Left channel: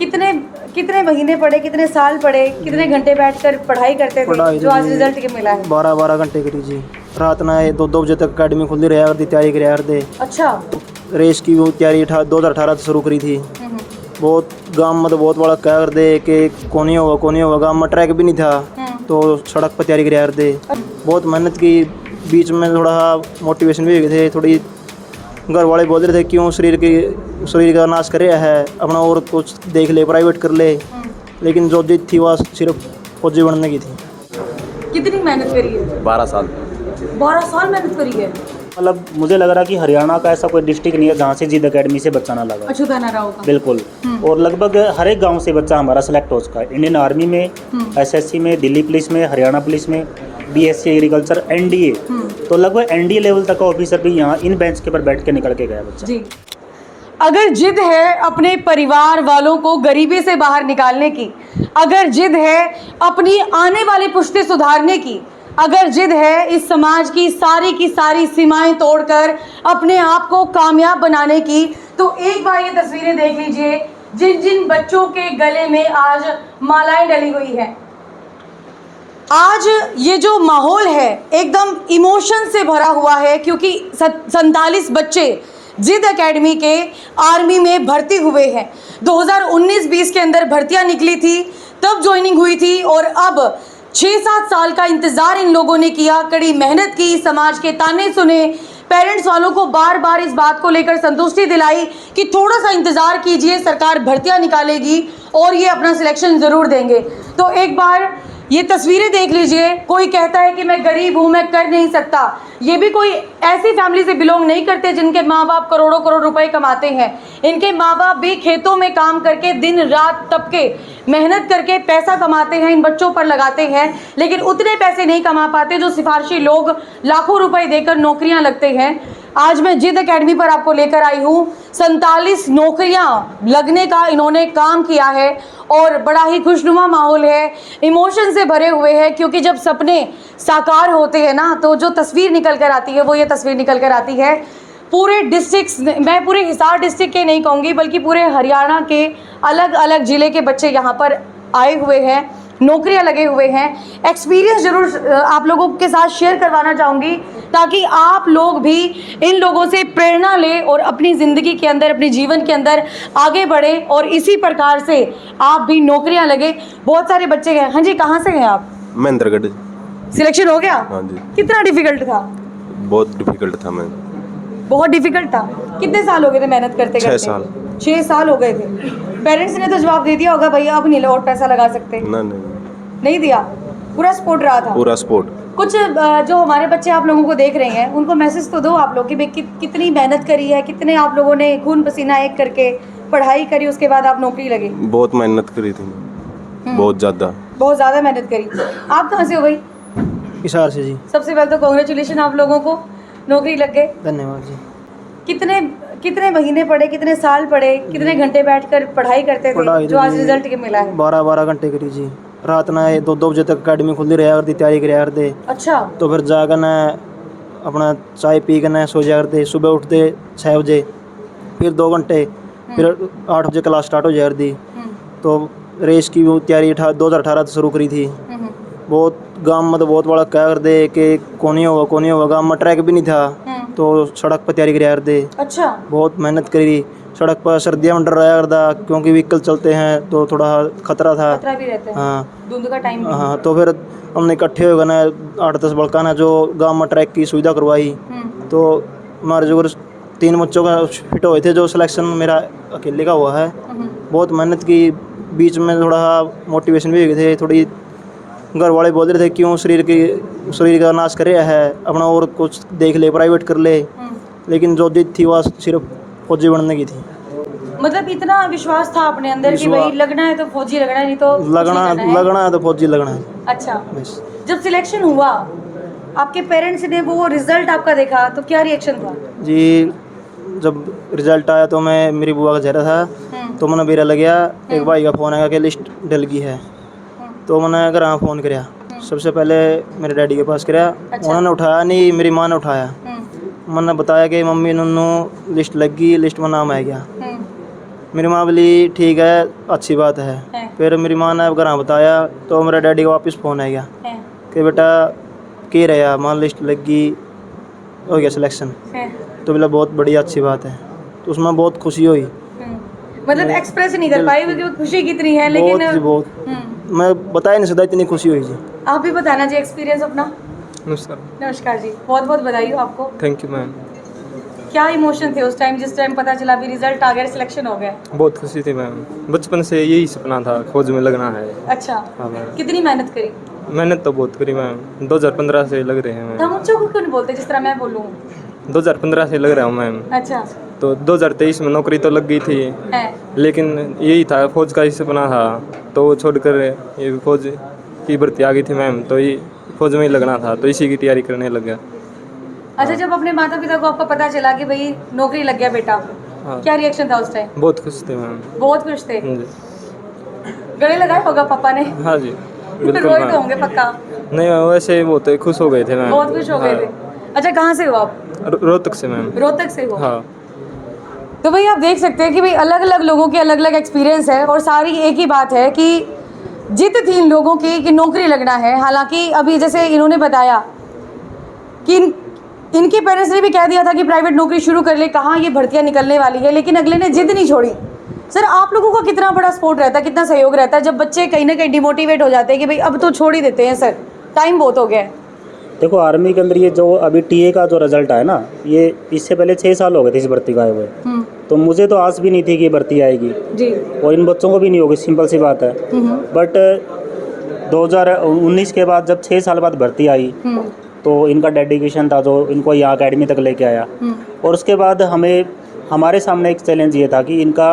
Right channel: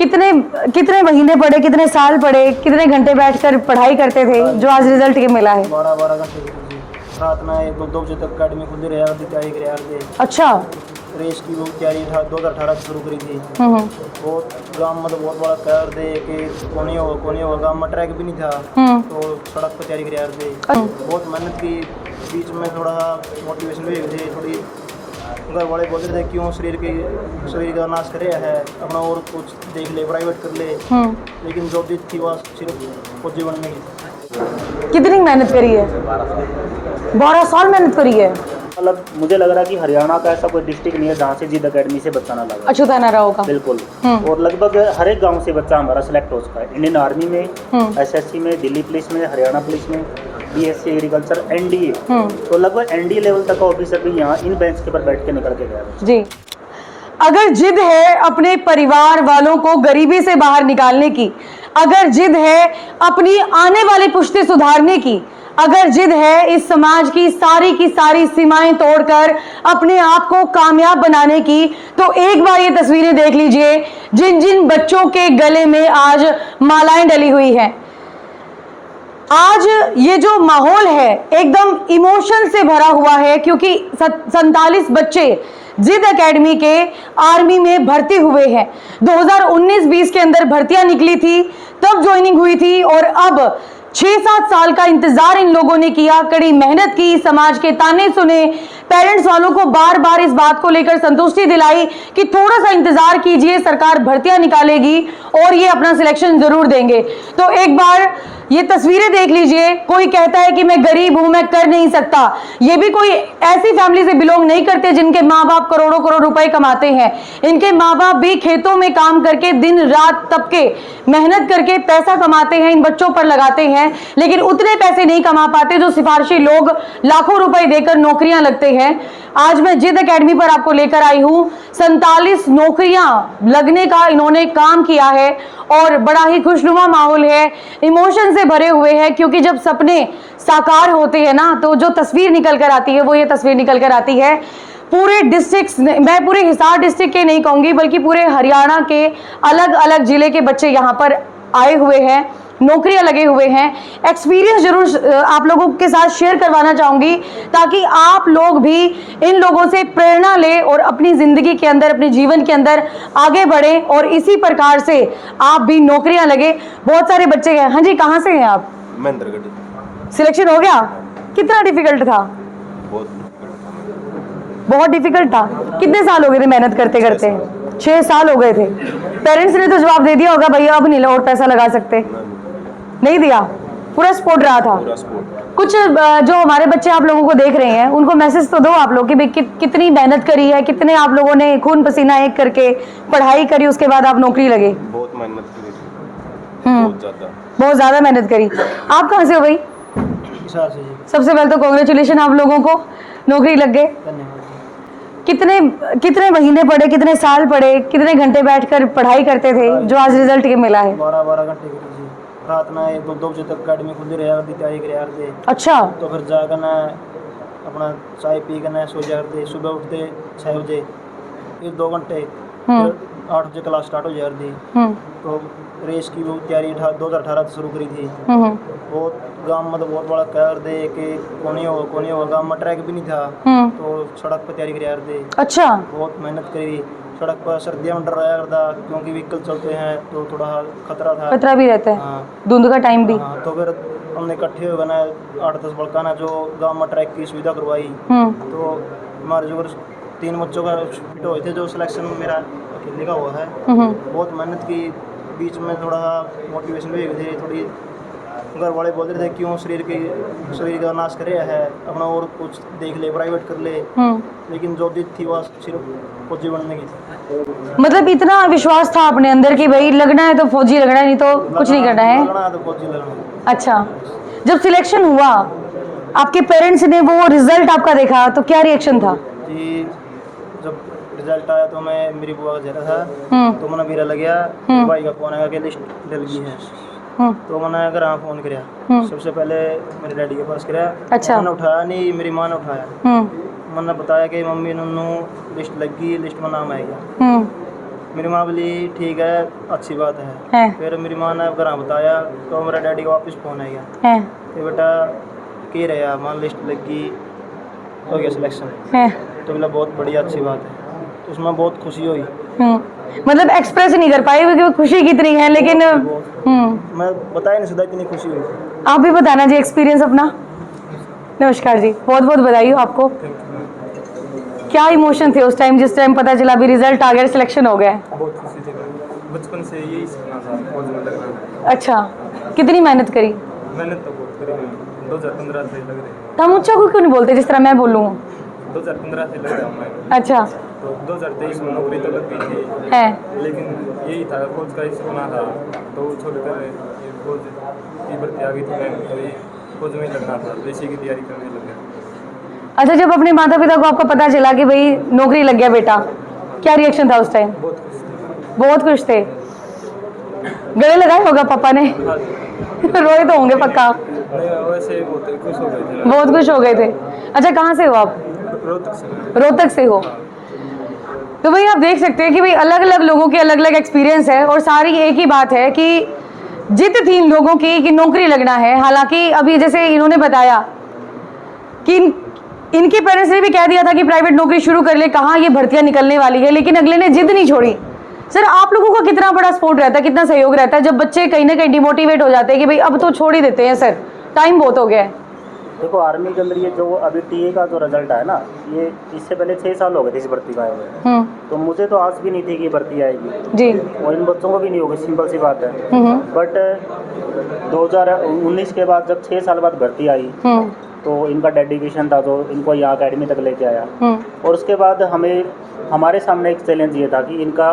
कितने कितने महीने पढ़े, कितने साल पढ़े, कितने घंटे बैठकर पढ़ाई करते थे जो आज रिजल्ट के मिला है? 12 घंटे करी जी। रात ना 2 बजे तक अकेडमी खुली रहा करती, तैयारी कराया करते। अच्छा। रेस की वो तैयारी 2018 से शुरू करी थी। बहुत गांव में तो बहुत बड़ा कह कर दे कि कौन ही होगा गांव में ट्रैक भी नहीं था, तो सड़क पर तैयारी कराया करते। बहुत मेहनत की, बीच में थोड़ा मोटिवेशन भी हुए थे, थोड़ी घर वाले बोल रहे थे क्यों शरीर का नाश करे है, अपना और कुछ देख ले, प्राइवेट कर ले। लेकिन जो जिद थी वह सिर्फ फौजी बनने की थी। कितनी मेहनत करी है? 12 साल। 12 साल मेहनत करी है। मतलब मुझे लग रहा कि हरियाणा का ऐसा कोई डिस्ट्रिक्ट नहीं है जहाँ से जिद अकेडमी से बच्चा ना लगा। अछूता ना रहा होगा। बिल्कुल। और लगभग हर एक गांव से बच्चा हमारा सेलेक्ट हो चुका है। इंडियन आर्मी में, एसएससी में, दिल्ली पुलिस में, हरियाणा पुलिस में, बीएससी एग्रीकल्चर, एनडीए, तो लगभग एनडीए लेवल तक का ऑफिसर भी यहाँ इन बेंच के पर बैठ के निकल के गया बच्चा। जी। अगर जिद है अपने परिवार वालों को गरीबी से बाहर निकालने की, अगर जिद है अपनी आने वाली पुश्तें सुधारने की, अगर जिद है इस समाज की सारी सीमाएं तोड़कर अपने आप को कामयाब बनाने की, तो एक बार ये तस्वीरें देख लीजिए जिन जिन बच्चों के गले में आज मालाएं डली हुई है। आज ये जो माहौल है एकदम इमोशन से भरा हुआ है, क्योंकि 47 बच्चे जिद एकेडमी के आर्मी में भर्ती हुए हैं। 2019-20 के अंदर भर्तियां निकली थी, तब ज्वाइनिंग हुई थी, और अब 6-7 साल का इंतजार इन लोगों ने किया, कड़ी मेहनत की, समाज के ताने सुने, पेरेंट्स वालों को बार बार इस बात को लेकर संतुष्टि दिलाई कि थोड़ा सा इंतजार कीजिए, सरकार भर्तियां निकालेगी और ये अपना सिलेक्शन जरूर देंगे। तो एक बार ये तस्वीरें देख लीजिए। कोई कहता है कि मैं गरीब हूं, मैं कर नहीं सकता, ये भी कोई ऐसी फैमिली से बिलोंग नहीं करते जिनके माँ बाप करोड़ों करोड़ रुपए कमाते हैं। इनके माँ बाप भी खेतों में काम करके दिन रात तपके मेहनत करके पैसा कमाते हैं, इन बच्चों पर लगाते हैं, लेकिन उतने पैसे नहीं कमा पाते जो सिफारिशी लोग लाखों रुपए देकर नौकरियां लगते हैं। आज मैं जिद एकेडमी पर आपको लेकर आई हूं। 47 नौकरियां लगने का इन्होंने काम किया है और बड़ा ही खुशनुमा माहौल है, इमोशन से भरे हुए हैं, क्योंकि जब सपने साकार होते हैं ना, तो जो तस्वीर निकल कर आती है वो ये तस्वीर निकल कर आती है। पूरे डिस्ट्रिक्ट, मैं पूरे हिसार डिस्ट्रिक्ट के नहीं कहूँगी बल्कि पूरे हरियाणा के अलग अलग जिले के बच्चे यहाँ पर आए हुए हैं, नौकरियां लगे हुए हैं। एक्सपीरियंस जरूर आप लोगों के साथ शेयर करवाना चाहूँगी ताकि आप लोग भी इन लोगों से प्रेरणा लें और अपनी ज़िंदगी के अंदर, अपने जीवन के अंदर आगे बढ़े और इसी प्रकार से आप भी नौकरियां लगे। बहुत सारे बच्चे हैं। हाँ जी, कहाँ से हैं आप? महेंद्रगढ़। सिलेक्शन हो गया? हाँ जी। कितना डिफिकल्ट था? बहुत डिफिकल्ट था। मैं बहुत डिफिकल्ट था। कितने साल हो गए थे मेहनत करते करते? 6 साल हो गए थे। पेरेंट्स ने तो जवाब दे दिया होगा भैया अब नहीं और पैसा लगा सकते? नहीं दिया? पूरा सपोर्ट रहा था? पूरा सपोर्ट। कुछ जो हमारे बच्चे आप लोगों को देख रहे हैं उनको मैसेज तो दो आप लोग कि भाई कितनी मेहनत करी है, कितने आप लोगों ने खून पसीना एक करके पढ़ाई करी, उसके बाद आप नौकरी लगे। बहुत मेहनत करी थी, बहुत ज़्यादा मेहनत करी। आप कहाँ से हो भाई? हिसार से जी। सबसे पहले तो कांग्रेचुलेशन आप लोगों को, नौकरी लग गए। धन्यवाद जी। कितने महीने पढ़े, कितने साल पढ़े, कितने घंटे बैठकर पढ़ाई करते थे जो आज रिजल्ट के मिला है? 12 घंटे करी जी। रात ना 2 बजे तक अकेडमी खुली रहा करती, तैयारी कराया करते। अच्छा। तो फिर जाकर ना अपना चाय पी कर ना सो जाया करते। सुबह उठते 6 बजे, फिर 2 घंटे, फिर 8 बजे क्लास स्टार्ट हो जाया करती। तो रेस की वो तैयारी 2018 से शुरू करी थी। बहुत गांव में तो बहुत बड़ा कह कर दे कि कौन ही होगा गांव में ट्रैक भी नहीं था, तो सड़क पर तैयारी कराया करते। अच्छा। बहुत मेहनत करी। सड़क पर सर्दियों में डर रहा करता क्योंकि व्हीकल चलते हैं तो थोड़ा खतरा था, खतरा भी रहता है। हाँ, धुंध का टाइम भी। हाँ। तो फिर हमने इकट्ठे हो गए ना 8-10 बड़का ना जो गांव में ट्रैक की सुविधा करवाई। तो हमारे जो 3 बच्चों का फिट हुए थे, जो सिलेक्शन मेरा अकेले का हुआ है। बहुत मेहनत की, बीच में थोड़ा मोटिवेशन भी हुए थे, थोड़ी घर वाले बोल रहे थे क्यों शरीर का नाश करे है, अपना और कुछ देख ले, प्राइवेट कर ले। लेकिन जो जिद थी वह सिर्फ फौजी बनने की थी। मतलब इतना विश्वास था अपने अंदर कि भाई लगना है तो फौजी लगना है, नहीं तो कुछ नहीं करना है। लगना है तो फौजी लगना है। अच्छा। जब सिलेक्शन हुआ, आपके पेरेंट्स ने वो रिजल्ट आपका देखा तो क्या रिएक्शन था? जी, जब रिजल्ट आया तो मेरी बुआ का चेहरा था, तो मैंने मेरा लग गया एक भाई का फोन आया कि लिस्ट डल गई है। तो मैंने अगर हाँ फ़ोन कराया, सबसे पहले मेरे डैडी के पास कराया। अच्छा। उन्होंने उठाया नहीं, मेरी माँ ने उठाया। मैंने बताया कि मम्मी नन्नू लिस्ट लग गई, लिस्ट में नाम आ गया। मेरी माँ बोली ठीक है, अच्छी बात है। फिर मेरी माँ ने घर बताया तो मेरे डैडी का वापस फ़ोन आ गया कि बेटा के रहा मान लिस्ट लगी, हो गया सिलेक्शन। तो बोला बहुत बढ़िया, अच्छी बात है। तो उसमें बहुत खुशी हुई। मतलब एक्सप्रेस नहीं कर पाई क्योंकि खुशी कितनी है, लेकिन बहुत मैं बता ही नहीं सकता, इतनी खुशी हुई जी। आप भी बताना जी एक्सपीरियंस अपना। नमस्कार। नमस्कार जी, बहुत बहुत बधाई हो आपको। Thank you ma'am. क्या क्या इमोशन थे उस टाइम जिस टाइम पता चला अभी रिजल्ट आ गया, सिलेक्शन हो गया? बहुत खुशी थी मैम, बचपन से यही सपना था फौज में लगना है। अच्छा, हाँ मैम, कितनी मेहनत करी? मेहनत तो बहुत करी मैम, 2015 से लग रहे हैं मैम। हम ऊंचा क्यों नहीं बोलते जिस तरह मैं बोलूँ? 2015 से लग रहा हूँ मैम। अच्छा तो 2023 में नौकरी तो लग गई थी, है। लेकिन यही था, फौज का ही सपना था, तो वो छोड़कर ये फौज की भर्ती आ गई थी मैम, तो ये फौज में ही लगना था, तो इसी की तैयारी करने लग गया। अच्छा, जब अपने माता पिता को आपको पता चला कि भाई नौकरी लग गया बेटा, क्या रिएक्शन था उस टाइम? बहुत खुश थे मैम। बहुत खुश थे। जी। गले लगाए होगा पापा ने? हाँ जी, बिल्कुल रोए तो मैम। होंगे पक्का। नहीं वैसे बहुत खुश हो गए थे मैम। बहुत खुश हो गए थे। अच्छा, कहाँ से हो आप? रोहतक से मैम। रोहतक से हो? हाँ। तो भाई आप देख सकते हैं कि भाई अलग अलग लोगों के अलग अलग एक्सपीरियंस है और सारी एक ही बात है कि जिद थी इन लोगों की कि नौकरी लगना है। हालांकि अभी जैसे इन्होंने बताया कि इनके पेरेंट्स ने भी कह दिया था कि प्राइवेट नौकरी शुरू कर ले, कहाँ ये भर्तियां निकलने वाली है, लेकिन अगले ने जिद नहीं छोड़ी। सर, आप लोगों का कितना बड़ा सपोर्ट रहता है, कितना सहयोग रहता है जब बच्चे कहीं ना कहीं डिमोटिवेट हो जाते हैं कि भाई अब तो छोड़ ही देते हैं सर, टाइम बहुत हो गया है? देखो, आर्मी के अंदर ये जो अभी टीए का जो रिजल्ट है ना, ये इससे पहले 6 साल हो गए थे इस भर्ती का आए हुए। तो मुझे तो आस भी नहीं थी कि ये भर्ती आएगी जी, और इन बच्चों को भी नहीं होगी, सिंपल सी बात है। बट 2019 के बाद जब 6 साल बाद भर्ती आई तो इनका डेडिकेशन था जो इनको यहाँ अकेडमी तक लेके आया। और उसके बाद हमारे सामने एक चैलेंज ये था कि इनका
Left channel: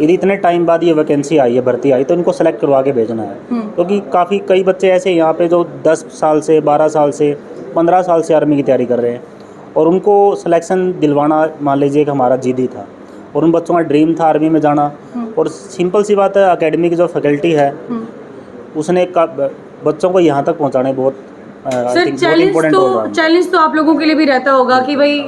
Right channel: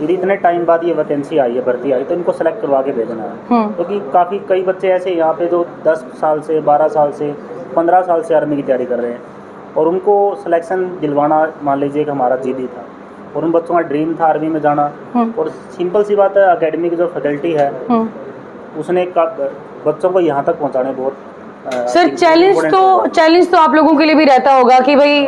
यदि इतने टाइम बाद ये वैकेंसी आई है, भर्ती आई, तो इनको सेलेक्ट करवा के भेजना है। क्योंकि कई बच्चे ऐसे यहाँ पे जो 10 साल से 12 साल से 15 साल से आर्मी की तैयारी कर रहे हैं और उनको सिलेक्शन दिलवाना मान लीजिए कि हमारा जिद था और उन बच्चों का ड्रीम था आर्मी में जाना। और सिंपल सी बात है, अकेडमी की जो फैकल्टी है उसने बच्चों को यहाँ तक पहुँचाने बहुत सर चैलेंज तो आप लोगों के लिए भी रहता होगा कि भाई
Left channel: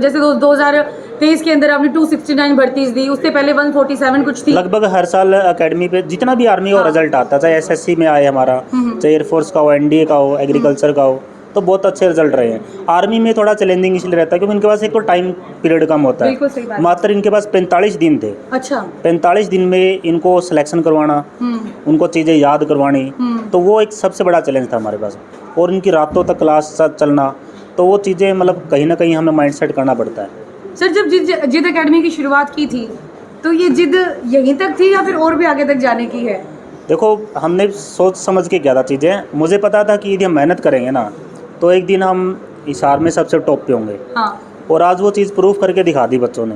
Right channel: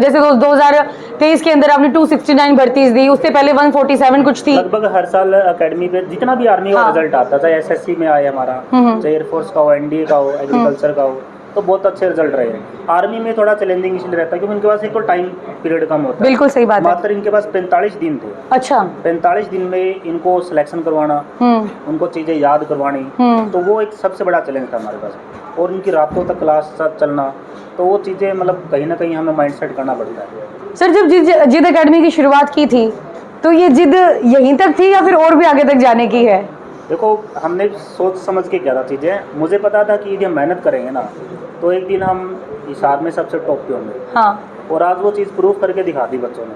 जैसे 2023 के अंदर आपने 269 भर्तीज दी, उससे पहले 147 कुछ थी। लगभग हर साल अकेडमी पे जितना भी आर्मी का रिजल्ट आता, चाहे एसएससी में आए हमारा, चाहे एयरफोर्स का हो, एनडीए का हो, एग्रीकल्चर का हो, तो बहुत अच्छे रिजल्ट रहे हैं। आर्मी में थोड़ा चैलेंजिंग इसलिए रहता है क्योंकि उनके पास एक तो टाइम पीरियड कम होता है। बिल्कुल सही बात है। मात्र इनके पास 45 दिन थे। अच्छा, 45 दिन में इनको सिलेक्शन करवाना, उनको चीज़ें याद करवानी, तो वो एक सबसे बड़ा चैलेंज था हमारे पास। और इनकी रातों तक क्लास चलना, तो वो चीज़ें मतलब कहीं ना कहीं हमें माइंड सेट करना पड़ता है। सर जब जिद अकेडमी की शुरुआत की थी तो ये जिद यहीं तक थी या फिर और भी आगे तक जाने की है? देखो, हमने सोच समझ के किया था चीज़ें। मुझे पता था कि यदि हम मेहनत करेंगे ना तो एक दिन हम हिसार में सबसे टॉप पे होंगे। हाँ। और आज वो चीज़ प्रूफ करके दिखा दी बच्चों ने।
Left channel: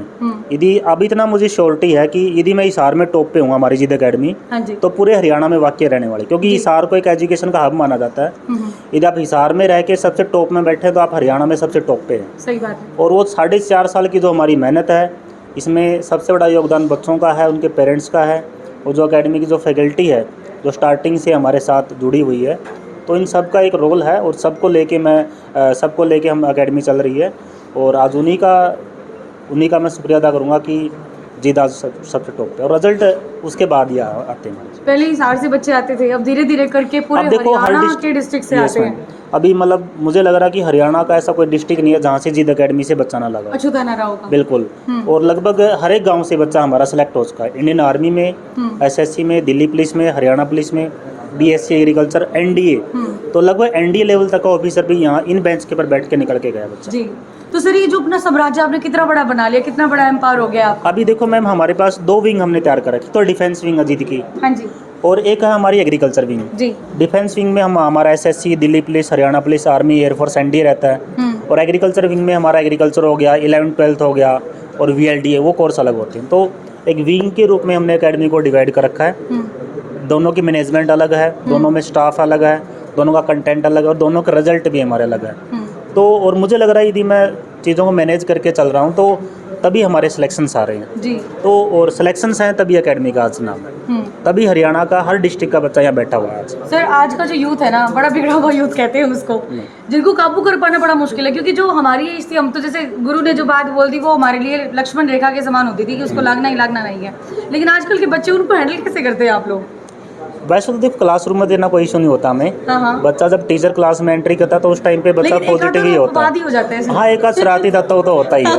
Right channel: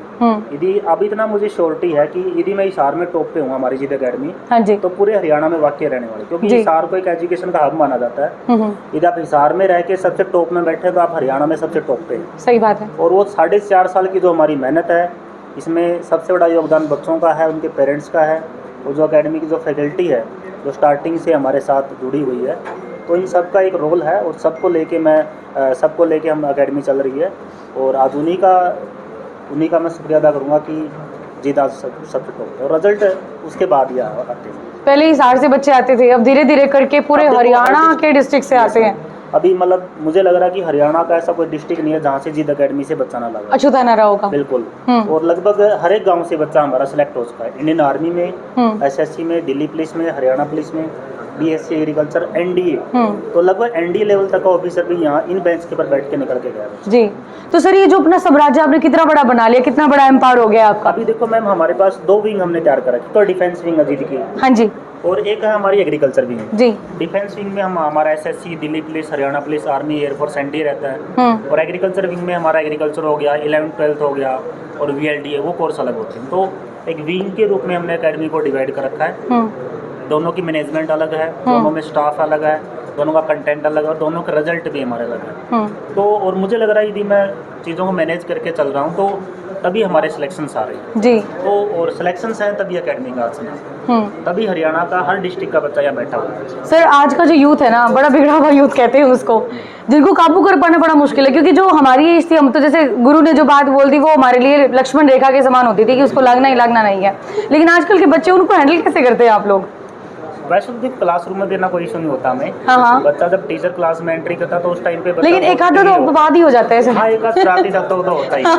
यदि अब इतना मुझे श्योरिटी है कि यदि मैं हिसार में टॉप पे हूँ हमारी जिद अकेडमी, हाँ जी। तो पूरे हरियाणा में वाकई रहने वाली, क्योंकि हिसार को एक एजुकेशन का हब माना जाता है। यदि आप हिसार में रह के सबसे टॉप में बैठे तो आप हरियाणा में सबसे टॉप पे हैं। सही बात है। और वो 4.5 साल की जो हमारी मेहनत है, इसमें सबसे बड़ा योगदान बच्चों का है, उनके पेरेंट्स का है, और जो अकेडमी की जो फैकल्टी है जो स्टार्टिंग से हमारे साथ जुड़ी हुई है, तो इन सब का एक रोल है। और सबको लेके हम अकेडमी चल रही है। और आज उन्हीं का मैं शुक्रिया अदा करूँगा कि जिद आज सबसे टॉप पे, और रिजल्ट उसके बाद ही आते हैं। पहले हिसार से बच्चे आते थे, अब धीरे धीरे करके पूरे अब देखो, हरियाणा के डिस्ट्रिक्ट से आते हैं। अभी मतलब मुझे लग रहा है कि हरियाणा का ऐसा कोई डिस्ट्रिक्ट नहीं है जहाँ से जिद अकेडमी से बच्चा ना लगा। अछूता ना रहा होगा। बिल्कुल। और लगभग हर एक गांव से बच्चा हमारा सेलेक्ट हो चुका है। इंडियन आर्मी में, एसएससी में, दिल्ली पुलिस में, हरियाणा पुलिस में, बीएससी एग्रीकल्चर, एनडीए, तो लगभग एनडीए लेवल तक का ऑफिसर भी यहाँ इन बेंच के पर बैठ के निकल के गया बच्चा। जी। तो सर ये जो अपना साम्राज्य आपने कितना बड़ा बना लिया, कितना बड़ा एम्पायर हो गया आपका? अभी देखो मैम, हमारे पास 2 विंग हमने तैयार कर रखी। तो डिफेंस विंग है जिद की, हाँ जी, और एक है हमारी एग्रीकल्चर विंग। जी। डिफेंस विंग में हमारा SSC, Delhi police, Haryana police, army, air force, NDA रहता है। और एग्रीकल्चर विंग में हमारा एग्रीकल्चर हो गया, 11th-12th हो गया, और वीएलडीए, वो कोर्स अलग होते हैं। तो एक विंग के रूप में हमने अकेडमी को डिवाइड कर रखा है। दोनों की मैनेजमेंट अलग है, दोनों में स्टाफ अलग है, दोनों का कंटेंट अलग है, और दोनों के रिजल्ट भी हमारे अलग है। तो और मुझे लग रहा है यदि मैं चीज़ों को मैनेज करके चल रहा हूँ तो तभी हमारे सिलेक्शंस आ रहे हैं। जी। तो और सिलेक्शंस है तभी एकेडमी का आज नाम, तभी हरियाणा का हर डिस्ट्रिक्ट का बच्चा यहाँ बैठा हुआ है आज। सर आज का जो यूथ है ना, बड़ा बिगड़ा हुआ यूथ कहते हैं उसको, जिनको काबू कर पाना बड़ा मुश्किल है, क्योंकि जो हमारी एज थी, हम तो जैसे गुरु ने जो बात बोल दी वो हमारे लिए लक्ष्मण रेखा के समान होती थी कि उसको लगना ही लगना नहीं है, लेकिन आजकल के बच्चे उनको हैंडल कैसे करते हैं आप लोग? वैसे तो देखो क्लासरूम में देना कोई इशू नहीं होता हमें। हाँ। बच्चा जब टीचर क्लास में एंट्री करता है तो उस टाइम पे बच्चा लेकिन एक आध पॉजिटिव ही तो होता बर्बाद ही हो जाता है सर। हाँ, एक आध शरारती तत्व तो होता ही है।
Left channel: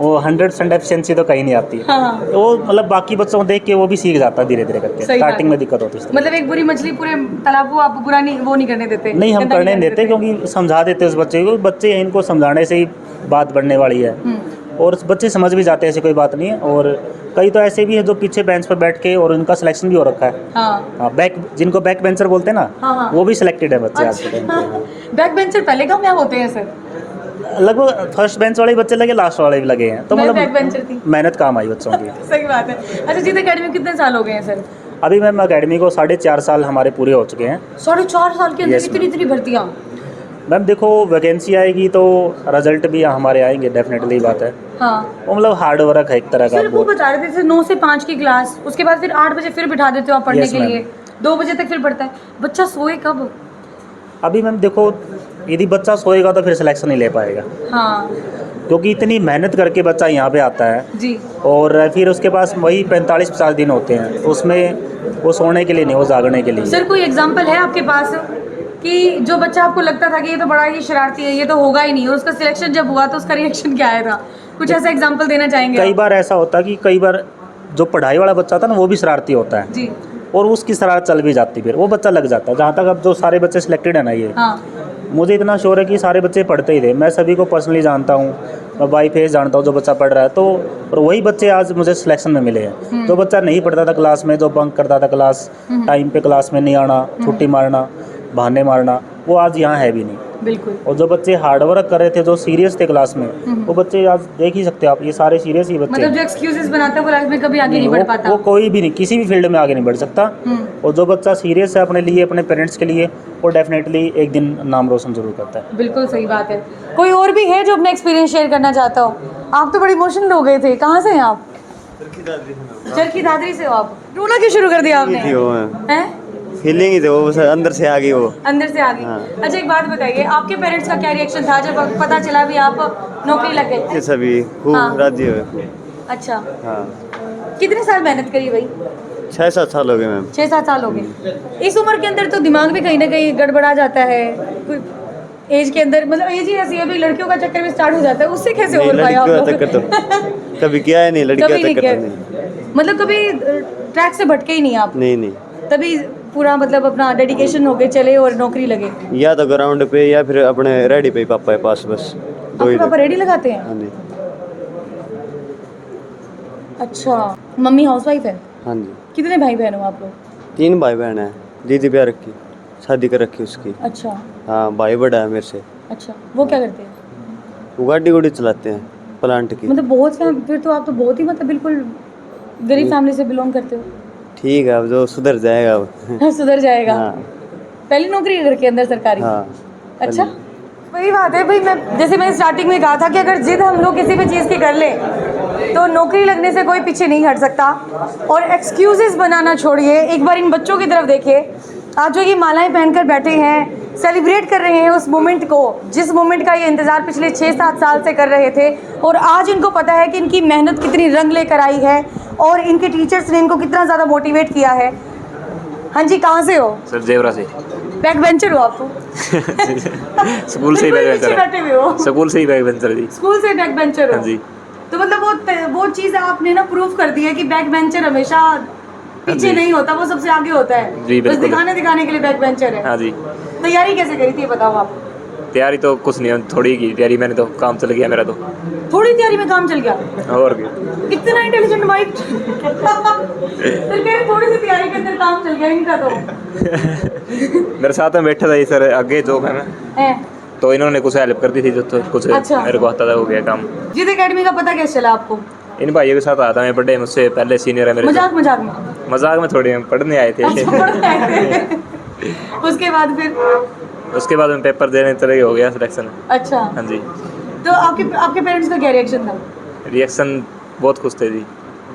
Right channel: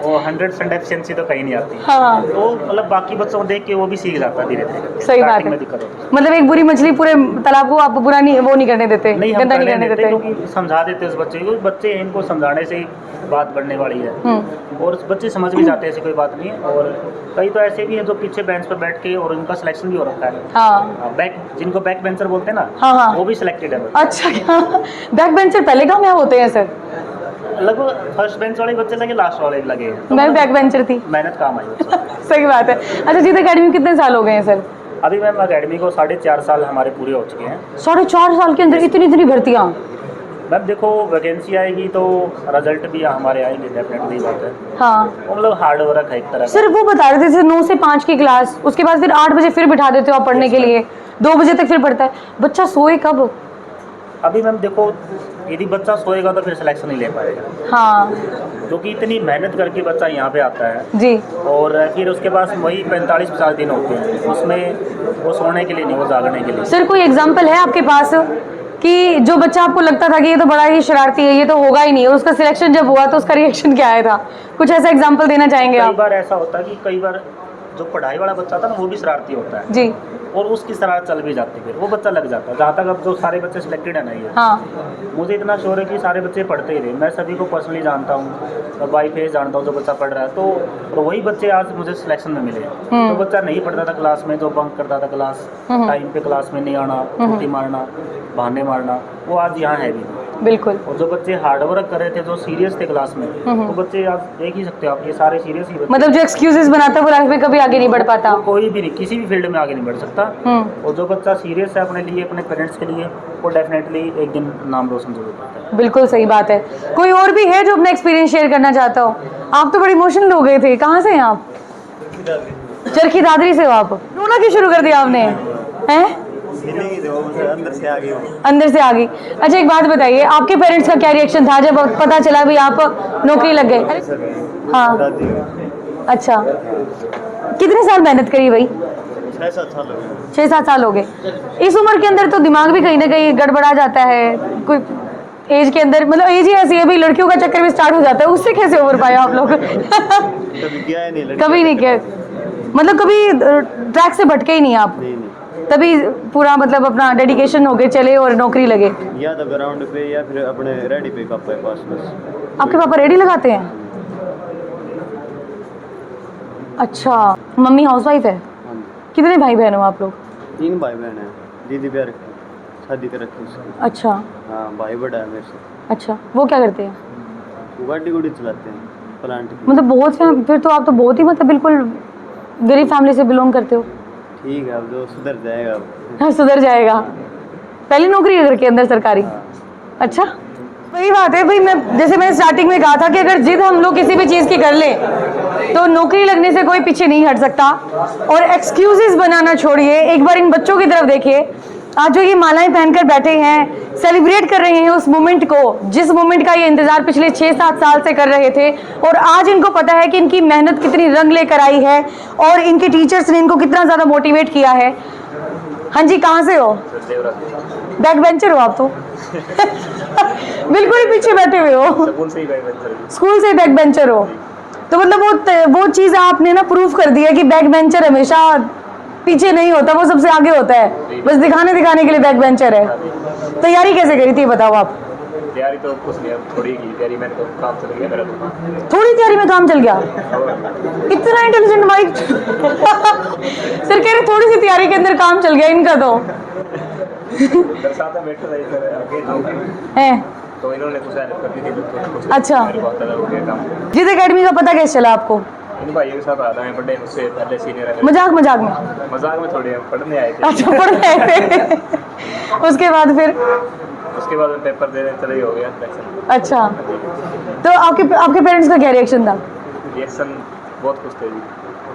वो 100% एफिशिएंसी तो कहीं नहीं आती। हाँ। तो मतलब बाकी बच्चों को देख के वो भी सीख जाता है धीरे धीरे करके। सही बात स्टार्टिंग है। में दिक्कत होती है। मतलब एक बुरी मछली पूरे तालाब को आप बुरा नहीं, वो नहीं करने देते, नहीं, हम गंदा करने देते क्योंकि समझा देते उस बच्चे को, बच्चे इनको समझाने से ही बात बढ़ने वाली है। और बच्चे समझ भी जाते हैं, ऐसी कोई बात नहीं है। और कई तो ऐसे भी है जो पीछे बेंच पर बैठ के और उनका सिलेक्शन भी हो रखा है। हाँ। बैक, जिनको बैक बेंचर बोलते हैं ना, हाँ। वो भी सिलेक्टेड है बच्चे। अच्छा। बैक बेंचर पहले कामयाब होते हैं सर? लगभग फर्स्ट बेंच वाले बच्चे लगे, लास्ट वाले भी लगे हैं। तो मैं मतलब बैक बेंचर थी। मेहनत काम आई बच्चों की। सही बात है। अच्छा, जीत एकेडमी कितने साल हो गए हैं सर? अभी मैम अकेडमी को 4.5 साल हमारे पूरे हो चुके हैं। 4.5 साल के अंदर इतनी भर्तियाँ? मैम देखो वैकेंसी आएगी तो रिजल्ट भी हमारे आएंगे, डेफिनेटली बात है। हाँ। वो मतलब हार्ड वर्क है एक तरह का। सर वो बता रहे थे जैसे 9 से 5 की क्लास, उसके बाद फिर 8 बजे फिर बिठा देते हो आप पढ़ने Yes, के ma'am. लिए, 2 बजे तक फिर पढ़ता है, बच्चा सोए कब? अभी मैम देखो, यदि बच्चा सोएगा तो फिर सिलेक्शन नहीं ले पाएगा, हाँ क्योंकि इतनी मेहनत करके बच्चा यहाँ पे आता है जी। और फिर उसके पास वही 45-50 दिन होते हैं, उसमें वो सोने के लिए नहीं, वो जागने के लिए। सर कोई एग्जांपल है आपके पास कि जो बच्चा आपको लगता था कि ये तो बड़ा ही शरारती है, ये तो होगा ही नहीं, और उसका सिलेक्शन जब हुआ तो उसका रिएक्शन क्या आया था? कुछ ऐसा एग्जांपल देना चाहेंगे कई आप? बार ऐसा होता कि कई बार जो पढ़ाई वाला बच्चा था ना वो भी शरारती होता है जी। और उसकी शरारत चल भी जाती, फिर वो बच्चा लग जाता है। जहाँ तक अब जो सारे बच्चे सिलेक्टेड है ना, ये हाँ। मुझे इतना श्योर है कि सारे बच्चे पढ़ते ही थे। मैं सभी को पर्सनली जानता हूँ, मैं बाई फेस जानता हूँ जो बच्चा पढ़ रहा है। तो और वही बच्चे आज मुझे सिलेक्शन में मिले हैं। जो बच्चा नहीं पढ़ता था क्लास में, जो बंक करता था क्लास, टाइम पे क्लास में नहीं आना, छुट्टी मारना, बहाने मारना, वो आज यहाँ है भी नहीं। बिल्कुल। और जो बच्चे हार्ड वर्क कर रहे थे, जो सीरियस थे क्लास में, वो बच्चे आज देख ही सकते हो आप, ये सारे सीरियस ही बच्चे। मतलब जो एक्सक्यूजेस बनाता है वो लाइफ में कभी आगे नहीं बढ़ पाता। वो कोई भी नहीं, किसी भी फील्ड में आगे नहीं बढ़ सकता। और जो बच्चा सीरियस है अपने लिए, अपने पेरेंट्स के लिए, वो डेफिनेटली एक दिन नाम रोशन जरूर करता है। बिल्कुल सही बात है। कोई और भी है जो अपना एक्सपीरियंस शेयर करना चाहता हो? आप तो बड़ी इमोशनल हो गए थे। कहाँ से हैं आप? चरखी दादरी से हो आप? रोना क्यों शुरू कर दिया आपने? हैं? फीलिंग ही थे वो, बस अंदर से आ गई वो। अंदर से आ गई। अच्छा एक बात बताइए, आपके पेरेंट्स का क्या रिएक्शन था जब पता चला भी आप नौकरी लग गए? सभी हाँ। राजी हुए। अच्छा। हाँ। कितने साल मेहनत करी भाई? 6-7 साल हो गए मैम। 6-7 साल हो गए। इस उम्र के अंदर तो दिमाग भी कहीं ना कहीं गड़बड़ा जाता है, कोई एज के अंदर, मतलब एज ही ऐसी है भाई, लड़कियों का चक्कर भी स्टार्ट हो जाता है। उससे कैसे उम्र पाए आप लोग? कभी किया है नहीं लड़की कभी नहीं किया, मतलब कभी ट्रैक से भटके ही नहीं आप? नहीं। तभी पूरा मतलब अपना डेडिकेशन हो गए, चले और नौकरी लगे। या तो ग्राउंड पे या फिर अपने रेडी पे पापा के पास, बस। आपके पापा रेडी लगाते हैं? हाँ जी। अच्छा, मम्मी हाउसवाइफ है? हाँ जी। कितने भाई बहन हो आप लोग? 3 भाई बहन है। दीदी ब्याह रखी, शादी कर रखी उसकी। अच्छा। हाँ, भाई बड़ा है मेरे से। अच्छा, वो क्या करते हैं? वो गाड़ी चलाते हैं प्लांट की। मतलब बहुत फिर तो आप तो बहुत ही मतलब बिल्कुल गरीब फैमिली से बिलोंग करते हो। ठीक है, अब जो सुधर जाएगा अब। हाँ, सुधर जाएगा। हाँ। पहली नौकरी है घर के अंदर सरकारी? हाँ। अच्छा, वही बात है भाई। मैं जैसे मैंने स्टार्टिंग में कहा था कि अगर जिद हम लोग किसी भी चीज़ की कर ले तो नौकरी लगने से कोई पीछे नहीं हट सकता। और एक्सक्यूजेस बनाना छोड़िए, एक बार इन बच्चों की तरफ देखिए। आज जो ये मालाएं पहनकर बैठे हैं, सेलिब्रेट कर रहे हैं उस मोमेंट को, जिस मोमेंट का ये इंतजार पिछले 6-7 साल से कर रहे थे। और आज इनको पता है कि इनकी मेहनत कितनी रंग लेकर आई है और इनके टीचर्स ने इनको कितना ज़्यादा मोटिवेट किया है। हाँ जी, कहाँ से हो? सर जेवरा से। बैक बेंचर हो आप तो? स्कूल से बिल्कुल पीछे बैठे हुए हो। स्कूल से ही बैक बेंचर जी। स्कूल से बैक बेंचर हो? तो मतलब वो चीज़ आपने ना प्रूव कर दी है कि बैक बेंचर हमेशा पीछे नहीं होता, वो सबसे आगे होता है। बस दिखाने के लिए बैक बेंचर है। हाँ जी। तैयारी कैसे करी थी बताओ आप? तैयारी तो कुछ नहीं, थोड़ी की तैयारी, मैंने तो काम चल गया मेरा तो। थोड़ी तैयारी में काम चल गया? और इतना इंटेलिजेंट भाई। सर कह रहे थोड़ी सी तैयारी के अंदर काम चल गया इनका तो। मेरे साथ में बैठा था ये सर आगे जो है, तो इन्होंने कुछ हेल्प कर दी थी, तो कुछ अच्छा। मेरे को आता था हो गया काम। जिद एकेडमी का पता कैसे चला आपको? इन भाइयों के साथ आता मैं पढ़े, मुझसे पहले सीनियर है मेरे। मजाक में? मजाक में थोड़ी, हम पढ़ने आए थे। अच्छा, पढ़ने आए थे। उसके बाद फिर? उसके बाद में पेपर देने तरह हो गया सिलेक्शन। अच्छा। हाँ जी। तो आपके पेरेंट्स का क्या रिएक्शन था? रिएक्शन बहुत खुश थे जी।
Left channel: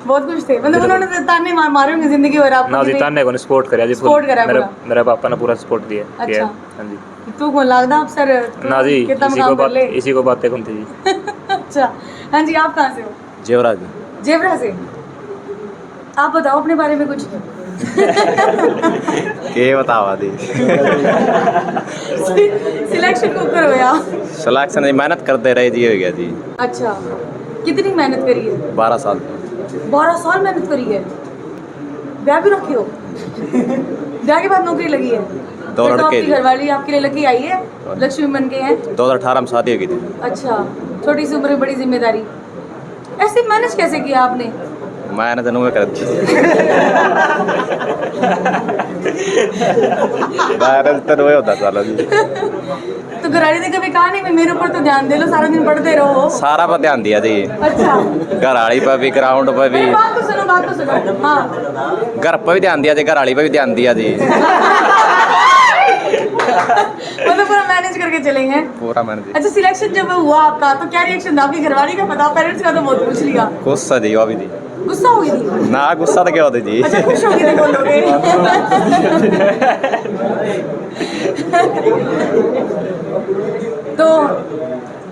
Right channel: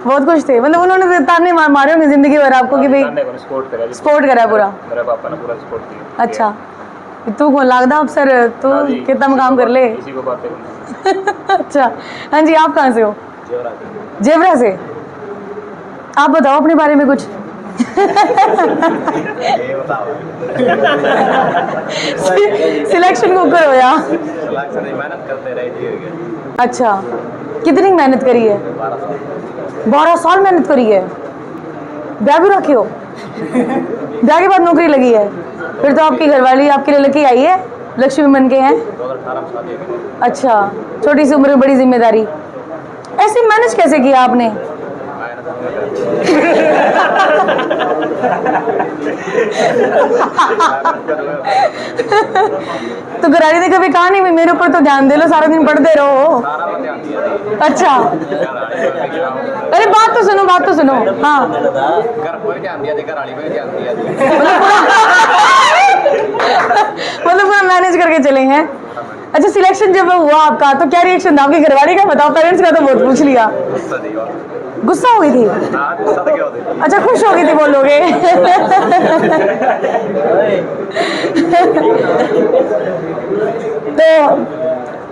बहुत खुश थे, मतलब उन्होंने ताने मारे होंगे जिंदगी भर आपको कि भाई ताने को सपोर्ट करा जी, सपोर्ट करा पूरा। मेरे पापा ने पूरा सपोर्ट दिया। अच्छा। हाँ जी। तू कौन लगता अफसर, तू ना जी, कितना काम कर ले। इसी को बातें सुनते जी। अच्छा, हाँ जी, आप कहाँ से हो? जेवरा जेवरा से। आप बताओ अपने बारे में कुछ। ये बताओ दी सिलेक्शन को कर या? सिलेक्शन मेहनत करते रहे जी, हो गया जी। अच्छा, कितनी मेहनत करी है? 12 साल 12 साल मेहनत करी है। ब्याह भी रखे हो? ब्याह के बाद नौकरी लगी है? फिर तो आपकी घरवाली आपके लिए लकी आई है, लक्ष्मी बन के हैं। 2018 में शादी हो गई थी। अच्छा, छोटी सी उम्र में बड़ी जिम्मेदारी, ऐसे मैनेज कैसे किया आपने? मैं जनू में कर तो घरवाली ने कभी कहा नहीं भी मेरे ऊपर तो ध्यान दे लो, सारा दिन पढ़ते रहो? सारा पर ध्यान दिया जी, अच्छा, घरवाली पर भी, ग्राउंड पर भी। अरे बात तो सुनो, बात तो सुनो। हाँ, घर पर भी ध्यान दिया जी, घरवाली पर भी ध्यान दिया जी। मतलब पूरा मैनेज करके चले हैं। पूरा मैंने अच्छा, सिलेक्शन जब हुआ आपका तो क्या रिएक्शन था आपकी घरवाली का? बताओ, पेरेंट्स का तो बहुत पूछ लिया। गुस्सा जी, अभी थी गुस्सा हो गई थी? ना, गुस्सा तो क्या होते जी। अच्छा, खुश हो गई थी बोलोगे? तो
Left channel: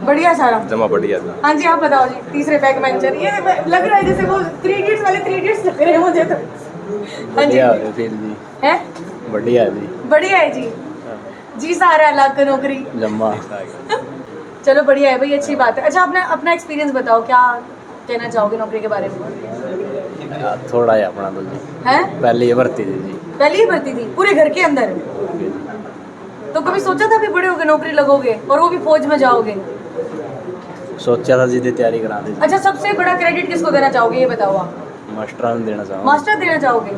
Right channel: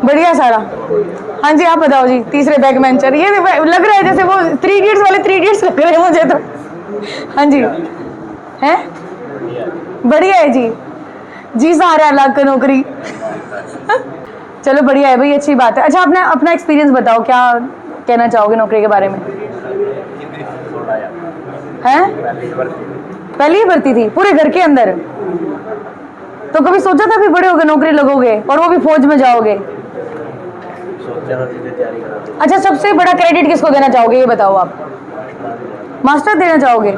बढ़िया सारा जमा बढ़िया। हाँ जी, आप बताओ जी। तीसरे बैक बेंचर, ये लग रहा है जैसे वो 3 इडियट्स वाले 3 इडियट्स लग रहे हैं मुझे तो। हाँ जी, है बढ़िया जी, बढ़िया है जी। जी सारा लाख का नौकरी। चलो बढ़िया है भाई, अच्छी बात है। अच्छा, अपना अपना एक्सपीरियंस बताओ, क्या कहना चाहोगे नौकरी के बारे में? थोड़ा ही अपना है पहले ये भर्ती थी। पहली ही भर्ती थी पूरे घर के अंदर? तो कभी सोचा था भी बड़े होगे नौकरी लगोगे और वो भी फौज में जाओगे? सोचा था सीधे तैयारी करा दी। अच्छा, सबसे बड़ा क्रेडिट किसको देना चाहोगे, ये बताओ आप? मास्टर ने देना चाहूँगा। मास्टर देना चाहोगे?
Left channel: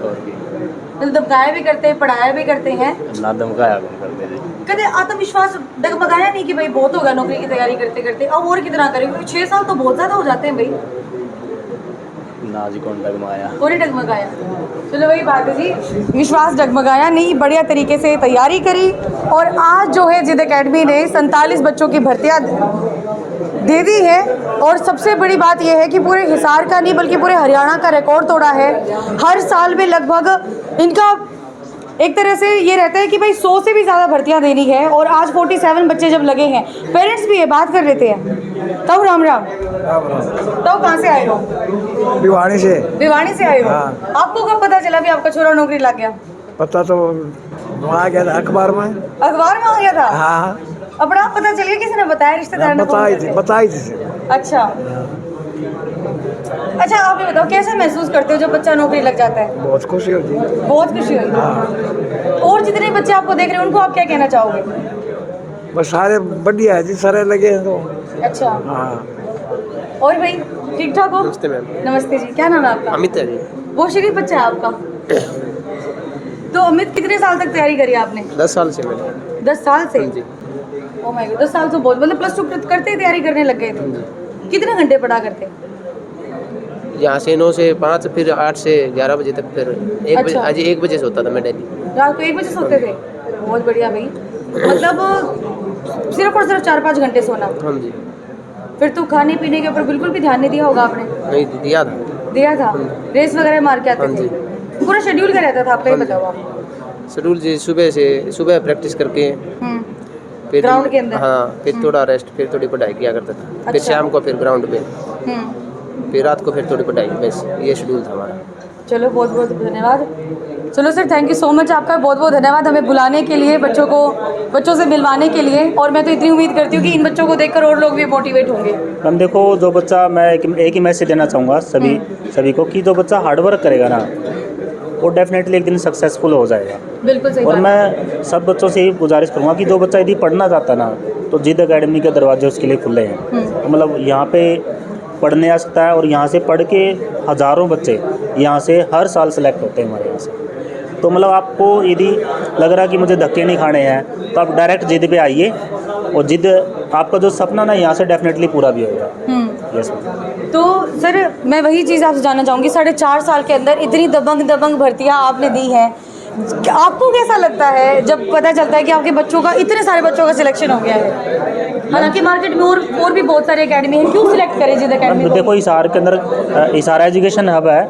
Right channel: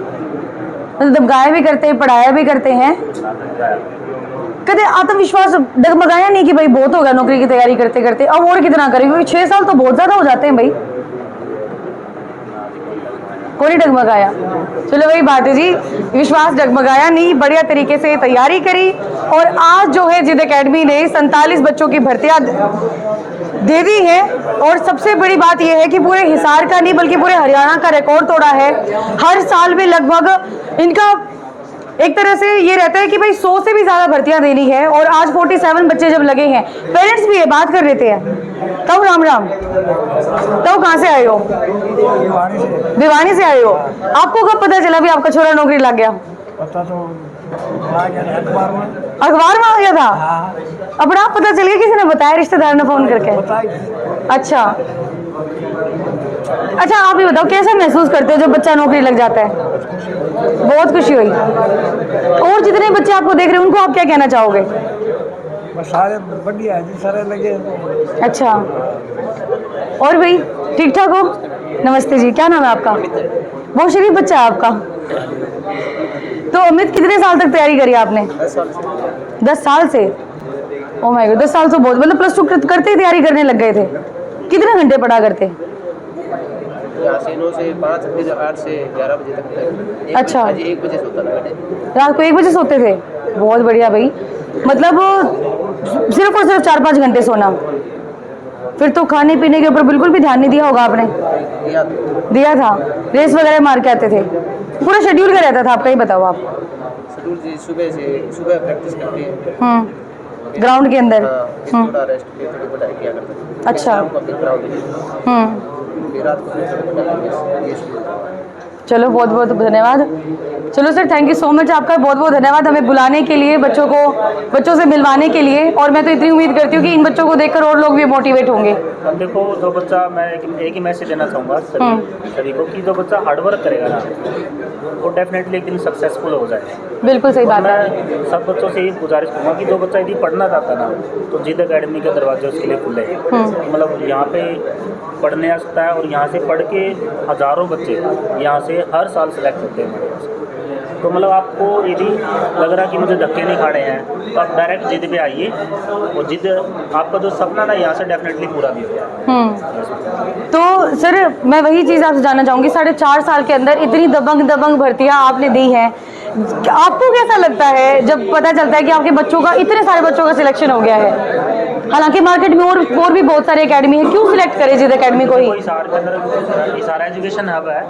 मतलब गाया भी करते हैं, पढ़ाया भी करते हैं, ना धमकाया। कभी आत्मविश्वास डगमगाया नहीं कि भाई बहुत होगा नौकरी की तैयारी करते करते, अब और कितना करें, क्योंकि 6 साल तो बहुत ज्यादा हो जाते हैं भाई। ना जी, कौन डगमगाया? कोई डगमगाया? चलो वही बात है जी, विश्वास डगमगाया नहीं, बढ़िया तरीके से तैयारी करी। और आज जो है जिद एकेडमी ने 47 बच्चों की भर्तियां दे दी है। और सबसे बड़ी बात यह है कि पूरे हिसार का नहीं बल्कि पूरे हरियाणा का रिकॉर्ड तोड़ा है। हर साल में लगभग इनका एक तरह से ये रहता है कि भाई 100 से भी ज़्यादा भर्तियां देनी है। और आज 47 बच्चे जब लगे हैं, पेरेंट्स भी है, बात कर लेते हैं। तब राम राम, तब कहाँ से आए हो? भिवानी से। भिवानी से आए हो? आपको कब पता चला भी आपका छोरा नौकरी लग गया? पता तो आ गया था अखबार में। अखबार में आ गया था? हाँ, अपना आप पता चल गया, किसी ने बताया, रिश्तेदार ने फोन करके? बताई थी। अच्छा, अच्छा आप ये बताओ, कैसे महसूस करते हो जब बच्चा नौकरी लग जाता है? बहुत खुशी हुई। बहुत खुशी हुई। और जितने बच्चे आपको देख रहे हैं उनको आप क्या कहना चाहोगे? बस सारे बढ़िया है जी, सारे लगे हैं तो। अच्छा, हाँ। और भाई ठीक ठाक हो? नमस्ते जी, क्या नाम है आपका? अमित है। बहुत शरीफ बच्चा है आपका। तो अमित, कितने साल तक तैयारी करी आपने? 10 साल से। 10 साल से? ओ माय गॉड, 10 साल तो बहुत, मतलब प्लस 2 करते ही तैयारी करने लग गए थे? कितने घंटे पढ़ा करते? यहाँ से 9 से 5, फिर 8 से 11 बजे तक, फिर अच्छा। आज 1 बजे सोता था मैं डेली। रात को 1 बजे सोते थे? बहुत बढ़िया भाई, मतलब सिर्फ और सिर्फ 4-5 घंटे सोना। फिर तो खाने पीने के ऊपर बिल्कुल भी ध्यान नहीं दिया होगा आपने? दिया था? रेस वगैरह मार के आते थे? पूरा शेड्यूल क्या रहता था आपका, ये बताओ आप। शेड्यूल जी, सुबह प्रैक्टिस करके, फिर ग्राउंड के अंदर? हाँ, फिर थोड़ा रेस्ट, फिर थोड़ी पढ़ाई किया करता था। फिर अच्छा। शाम को फिर ग्राउंड पे, फिर रात को फिर थोड़ी पढ़ाई, बस ये शेड्यूल था हमारा। चलो बहुत बहुत धन्यवाद। चलो sir, thank you so much, आपका बहुत बहुत धन्यवाद हमें बुलाने के लिए, बच्चों से मिलवाने के लिए। और मैं तो इतनी उम्मीद करती हूँ कि इन बच्चों को देखकर और लोग भी मोटिवेट होंगे। मैम देखो, जो बच्चा, मैं एक ही मैसेज देना चाहूँगा सभी को कि जो बच्चा हार्डवर्क करेगा ना, वो डेफिनेटली एक दिन सक्सेसफुल हो जाएगा। बिल्कुल सही और बात है। मैं सब बच्चों से यही गुजारिश करूँगा कि जो बच्चा यदि पढ़ना चाहता है ना, तो जिद एकेडमी के दरवाजे उसके लिए खुले हैं। तो मतलब यहाँ पे पढ़ने आ सकता है, और यहाँ से पढ़ के हज़ारों बच्चे यहाँ से हर साल सेलेक्ट होते हैं हमारे यहाँ से। तो मतलब आपको यदि लग रहा है कि मुझे धक्के नहीं खाने हैं, तो आप डायरेक्ट जिद पे आइए, और जिद आपका जो सपना ना यहाँ से डेफिनेटली पूरा भी होगा। यस। तो सर, मैं वही चीज़ आपसे जानना चाहूँगी, 4.5 साल के अंदर इतनी दबंग भर्तियाँ आपने दी हैं, आपको कैसा लगता है जब पता चलता है कि आपके बच्चों का, इतने सारे बच्चों का सिलेक्शन हो गया है? हालांकि मार्केट में और भी बहुत सारे एकेडमी हैं, क्यों सिलेक्ट करें जिद एकेडमी देखो को? हिसार के अंदर हिसार एजुकेशन हब है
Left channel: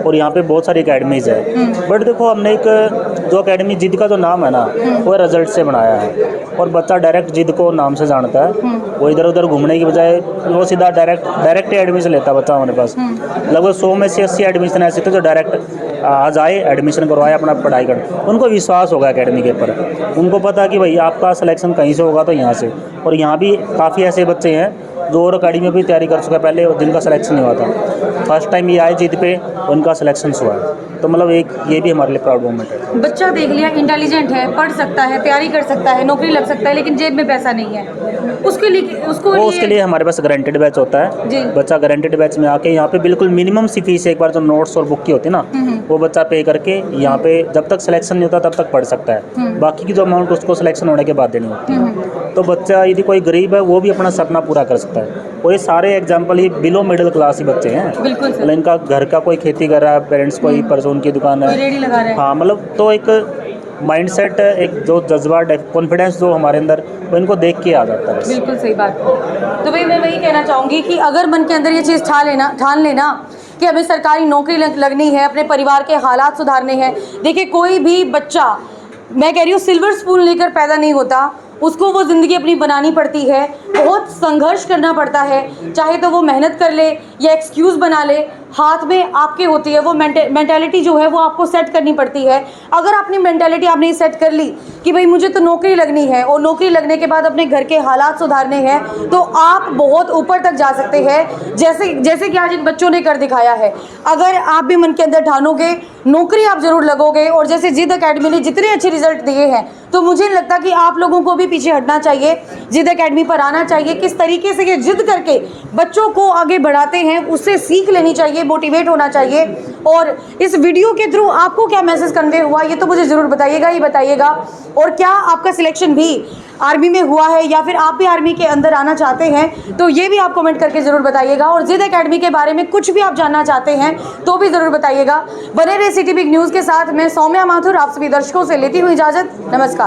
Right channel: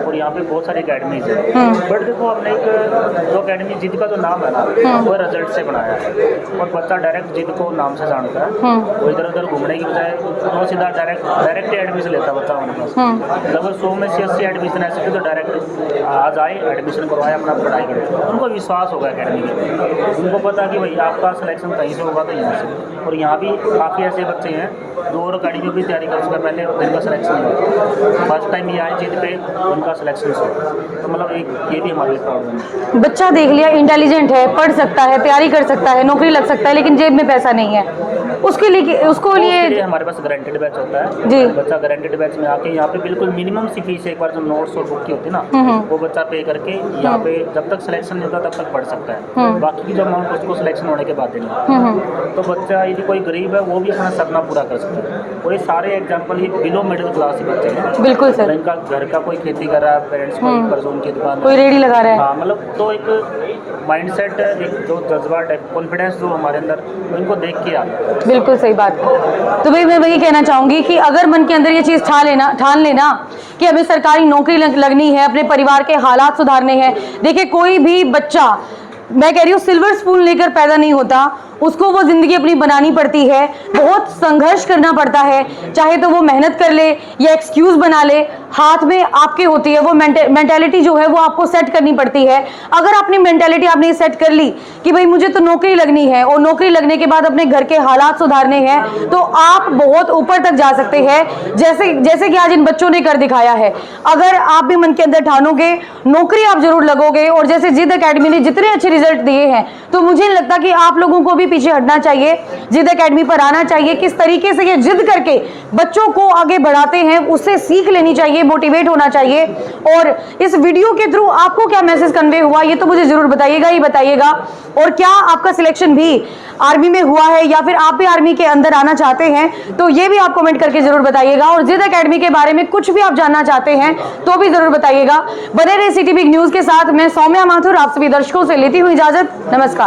और यहाँ पे बहुत सारी एकेडमीज है। बट देखो हमने एक जो एकेडमी जिद का जो नाम है ना वो रिजल्ट से बनाया है और बच्चा डायरेक्ट जिद को नाम से जानता है। वो इधर उधर घूमने की बजाय वो सीधा डायरेक्ट एडमिशन लेता है बच्चा हमारे पास। लगभग 100 में से 80 एडमिशन ऐसे थे जो डायरेक्ट आज आए, एडमिशन करवाए, अपना पढ़ाई कर, उनको विश्वास होगा एकेडमी के ऊपर। उनको पता कि भाई आपका सिलेक्शन कहीं से होगा तो यहाँ से। और यहाँ भी काफ़ी ऐसे बच्चे हैं जो और अकेडमी में भी तैयारी कर चुके पहले जिनका सिलेक्शन नहीं हुआ था, फर्स्ट टाइम ये आए जिद पे उनका सिलेक्शन हुआ। तो मतलब एक ये भी हमारे लिए प्राउड मोमेंट है। बच्चा देख लिया इंटेलिजेंट है, पढ़ सकता है, तैयारी कर सकता है, नौकरी लग सकता है, लेकिन जेब में पैसा नहीं है, उसके लिए हमारे पास गारंटेड बैच होता है जी। बच्चा गारंटेड बैच में आके यहाँ पे बिल्कुल मिनिमम सी फीस एक बार जो नोट्स और बुक की होती है ना वो बच्चा पे करके यहाँ पे जब तक सिलेक्शन नहीं होता तब तक पढ़ सकता है। बाकी की जो अमाउंट उसको सिलेक्शन होने के बाद देनी होती है। तो बच्चा यदि कोई गरीब है वो भी अपना सपना पूरा कर सकता है। और ये सारे एग्जाम्पल ही बिलो मिडिल क्लास ही बच्चे हैं। बिल्कुल सर। इनका घर का कोई खेती कर रहा है, पेरेंट्स कोई परचून की दुकान कोई है, रेडी लगा रहा है। हाँ मतलब तो एक माइंडसेट, एक जो जज्बा, कॉन्फिडेंस जो हमारे अंदर वो इनको देख के आ जाता है। बिल्कुल सही बात है। तो भाई मैं वही कहना चाहूँगी कि अगर मन के अंदर ये चीज़ ठान लेना कि हमें सरकारी नौकरी लगनी है, अपने परिवार के हालात सुधारने हैं। देखिए कोई भी बच्चा, मैं कह रही हूँ, सिल्वर स्पून लेकर पैदा नहीं होता, उसको वो ज़िंदगी अपनी बनानी पड़ती है, बहुत संघर्ष करना पड़ता है। चाहे तो वो मेहनत कर ले या एक्सक्यूज़ बना ले, हाथ में आपके होती है वो मेंटालिटी जो है वो आपको सेट करनी पड़ती है। अगर अपनी मेंटालिटी आपने सेट कर ली कि भाई मुझे तो नौकरी लगनी है और नौकरी लगने के बाद अपने घर के हालात सुधारने हैं, तो आप बहुत ऊपर तक जा सकते हैं, जैसे कि आज इन बच्चों ने कर दिखाया है। अगर आप भी मन के अंदर ठानोगे, नौकरी आप जरूर लगोगे। और जैसे जिद एकेडमी ने जितने अच्छे रिजल्ट दिए हैं, तो मुझे नहीं लगता कि आप लोगों को भी पीछे हटना चाहिए, जिद एकेडमी पर आना चाहिए। किस तरीके से ये जिद करके बच्चों को आगे बढ़ाते हैं उससे सीख लेनी चाहिए, मोटिवेट होना चाहिए। और इस वीडियो के थ्रू आपको क्या मैसेज कन्वे हुआ ये तो मुझे जरूर बताइएगा ही बताइएगा। और क्या आपका सिलेक्शन भी आर्मी में हुआ है या फिर आप भी आर्मी के अंदर आना चाहते हैं, तो ये भी आप कमेंट करके जरूर बताइएगा। और जिद एकेडमी के बारे में कुछ भी आप जानना चाहते हैं तो भी जरूर बताइएगा। बने रहे सिटी बिग न्यूज के साथ। मैं सौम्या माथुर आप सभी दर्शकों से लेती हूँ इजाजत। नमस्कार।